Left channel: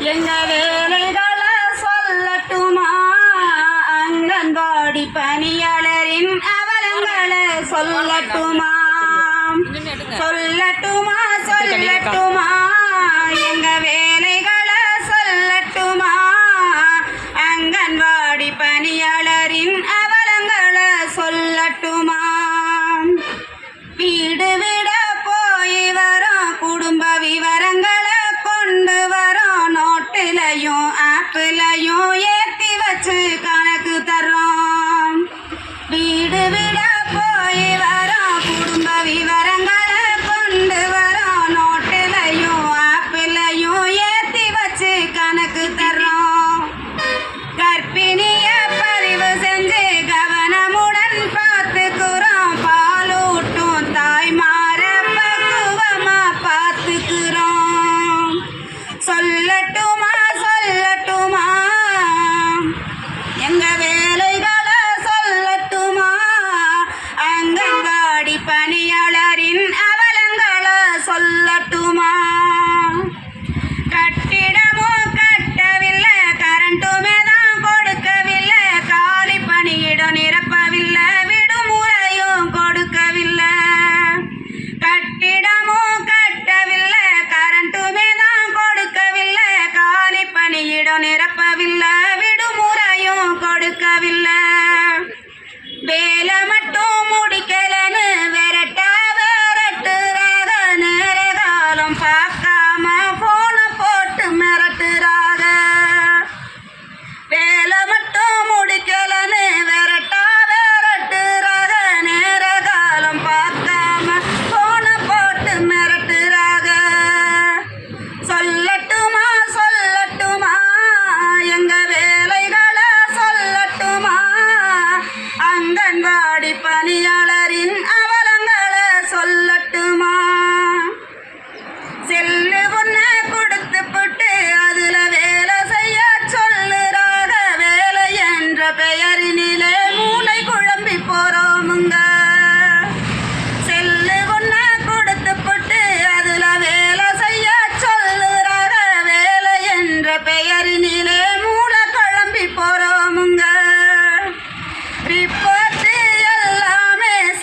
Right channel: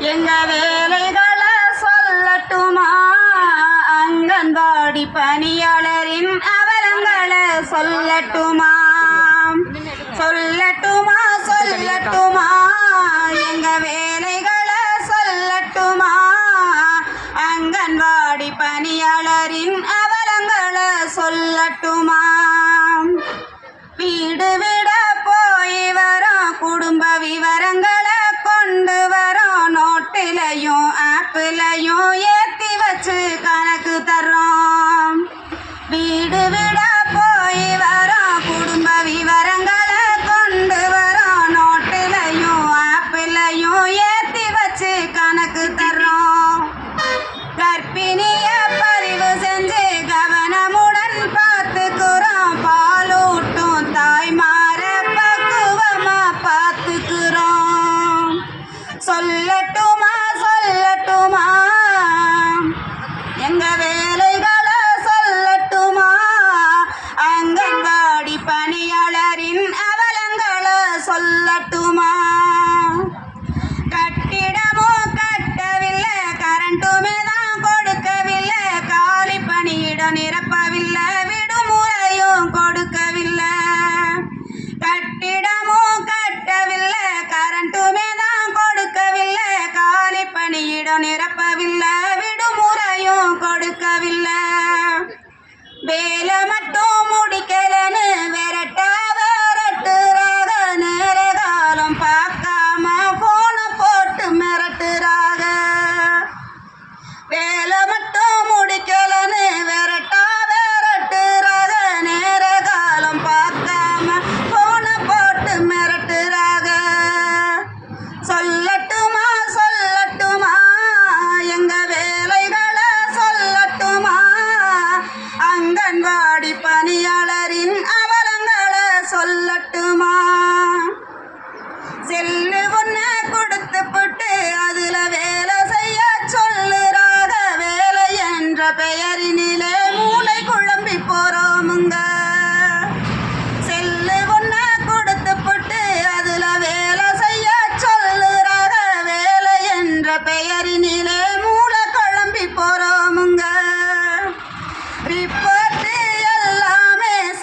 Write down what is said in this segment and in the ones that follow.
எங்க வேலைகளை சொல்லட்டுமா அங்கன்வாடி பணியாளரின் அவலங்களை சொல்லட்டுமா? சொல்லட்டுமா? சொல்லட்டுமா? எங்க வேலைகளை சொல்லட்டுமா அங்கன்வாடி பணியாளரின் அவலங்களை சொல்லட்டுமா? வீடு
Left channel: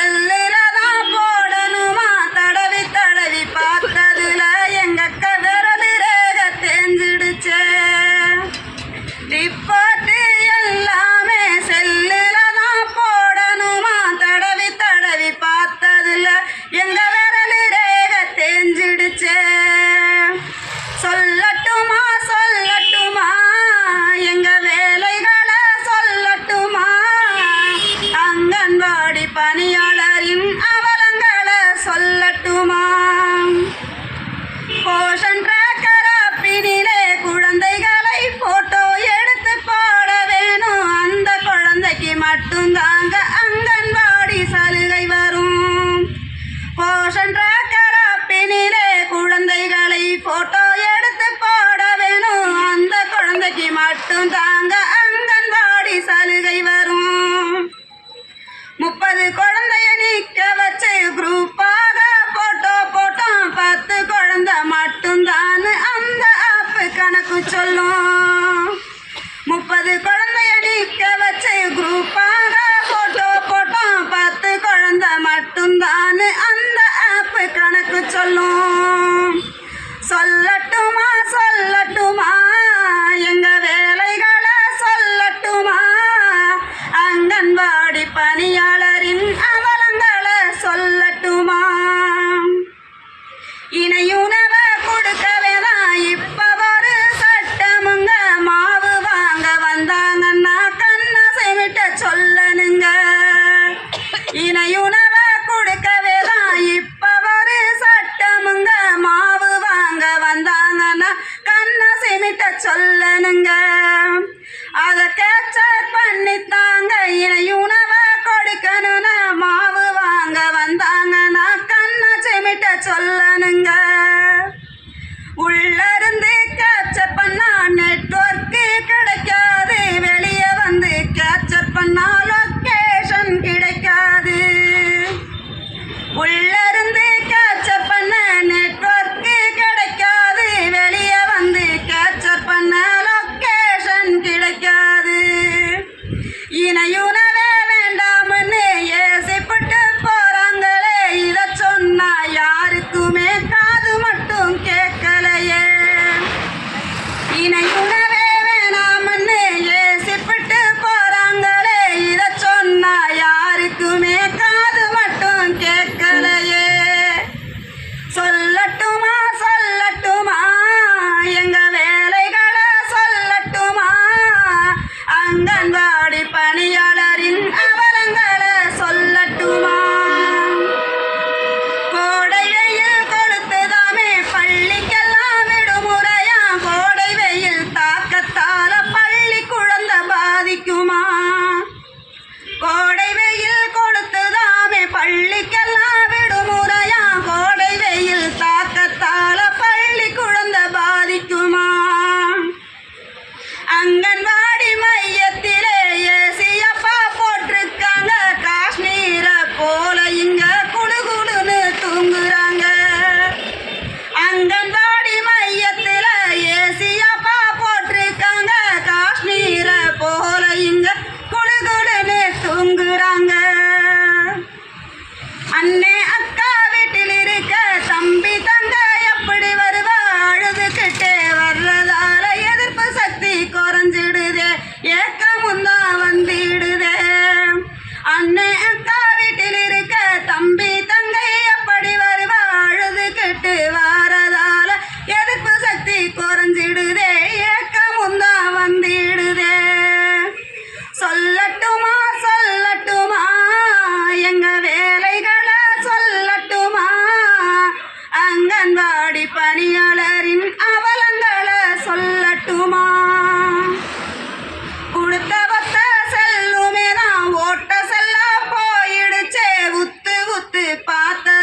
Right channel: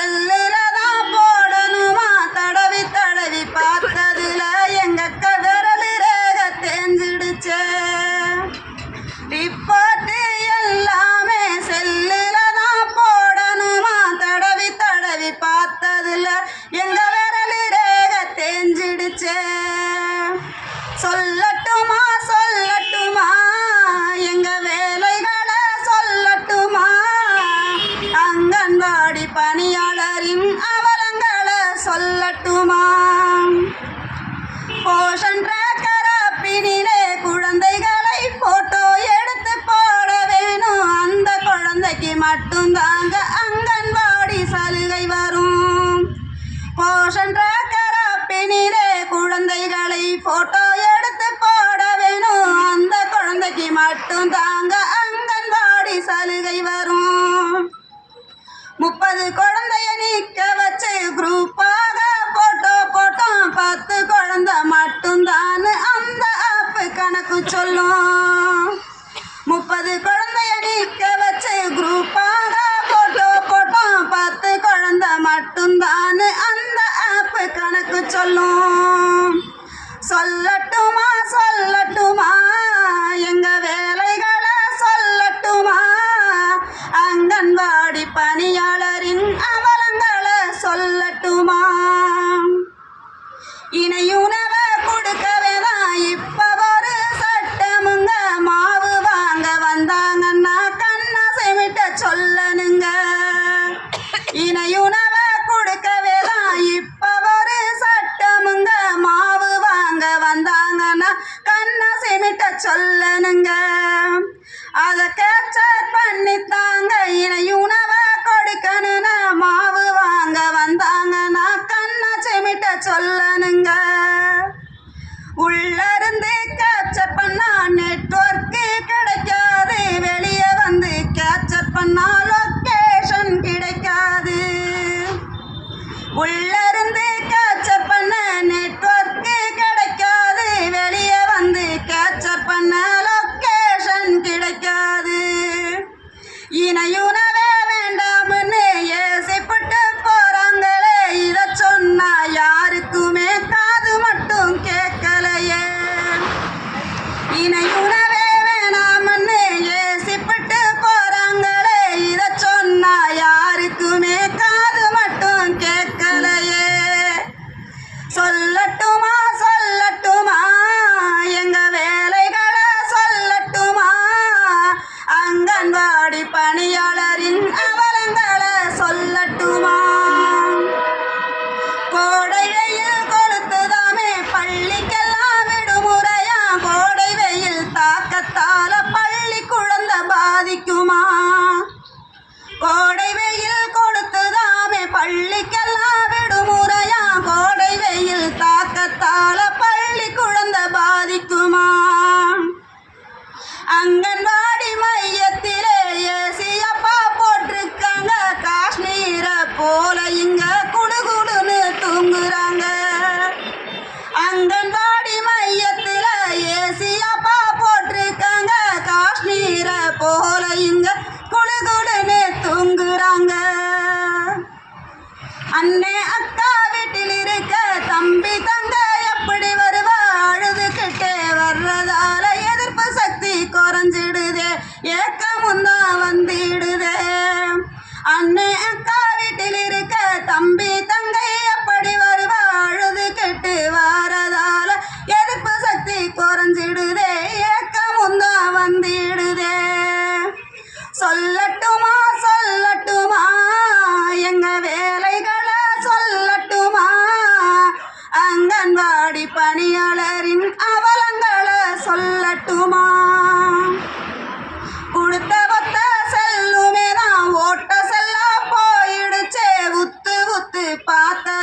Hello. வரும். முப்பது குழந்தைய நிக்க வச்சு குரூப்பாக போட்டோ போட்டோம். பத்து குழந்தை மட்டும்தான் அந்த ஆப் கணக்கு சொல்லும். முப்பது குழந்தைய நிக்க வச்சு குரூப்பாக போட்டோ போட்டோம். பத்து குழந்தை மட்டும்தான் அந்த ஆப் கணக்கு சொல்லும். சொல்ல கேச்சர் பண்ணி தாங்க இணை உணவ கொடுக்கணும்னு மாவு வாங்க வந்தாங்க. நான் கண்ணை செமிட்ட சொல்லணுங்க. உள்ளிருந்து கேச்சர் பண்ணா நெட்ஒர்க்கு கிடைக்காது. வெளியே வந்து கேச்சர் பண்ணா லொக்கேஷன் கிடைக்காது. உள்ள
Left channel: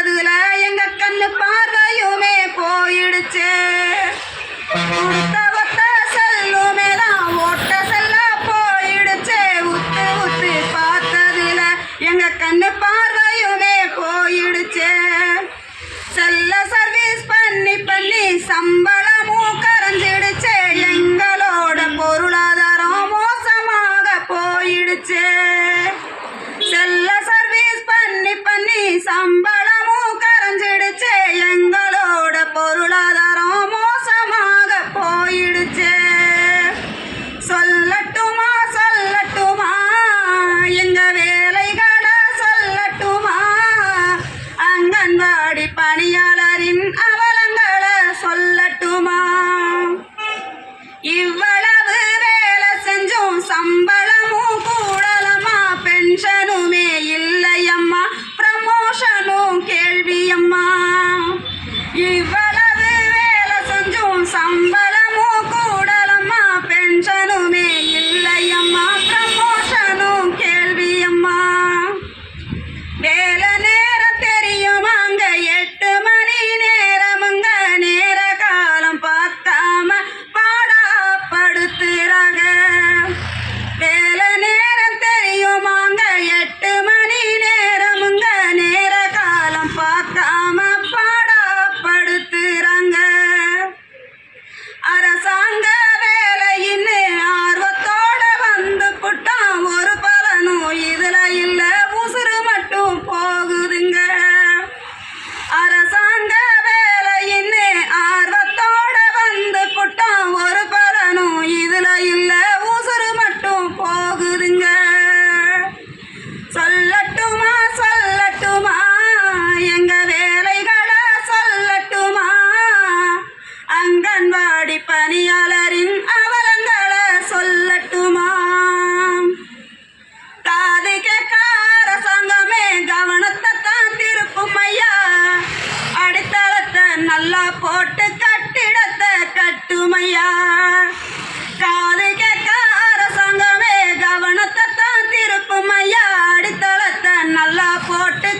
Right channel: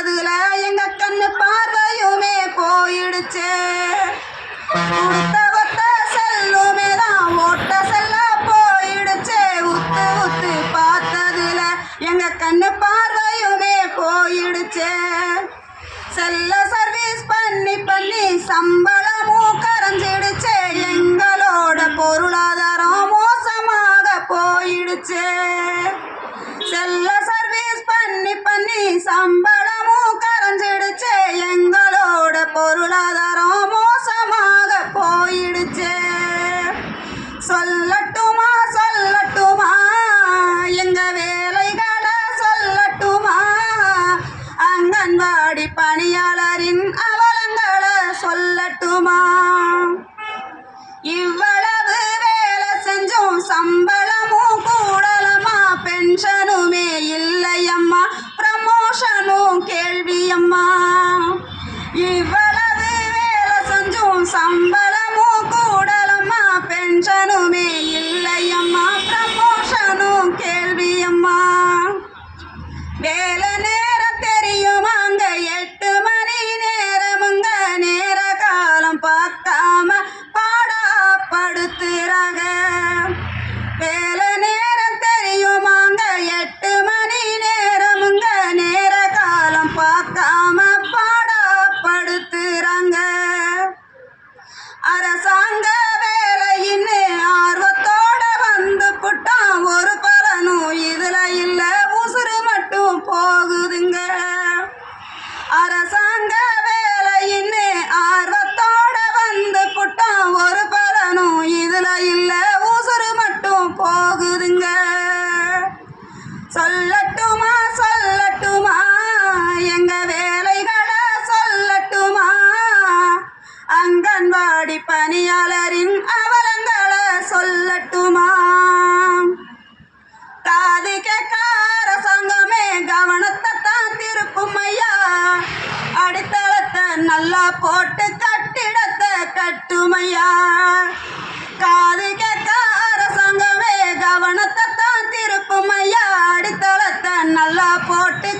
அதுல எங்க கண்ணு பார்வையுமே போயிடுச்சு. பணியாளரின் அவலங்களை சொல்லட்டுமா காது கேட்கார சங்கமே கவனத்தை தான் திருப்பும் ஐயா. அடித்தளத்தை நல்லா போட்டு கட்டிடத்தை கட்டுமையா காது கேட்கார சங்கமே கவனத்தை தான் திருப்பும் ஐயா. அடித்தளத்தை நல்லா போட்டு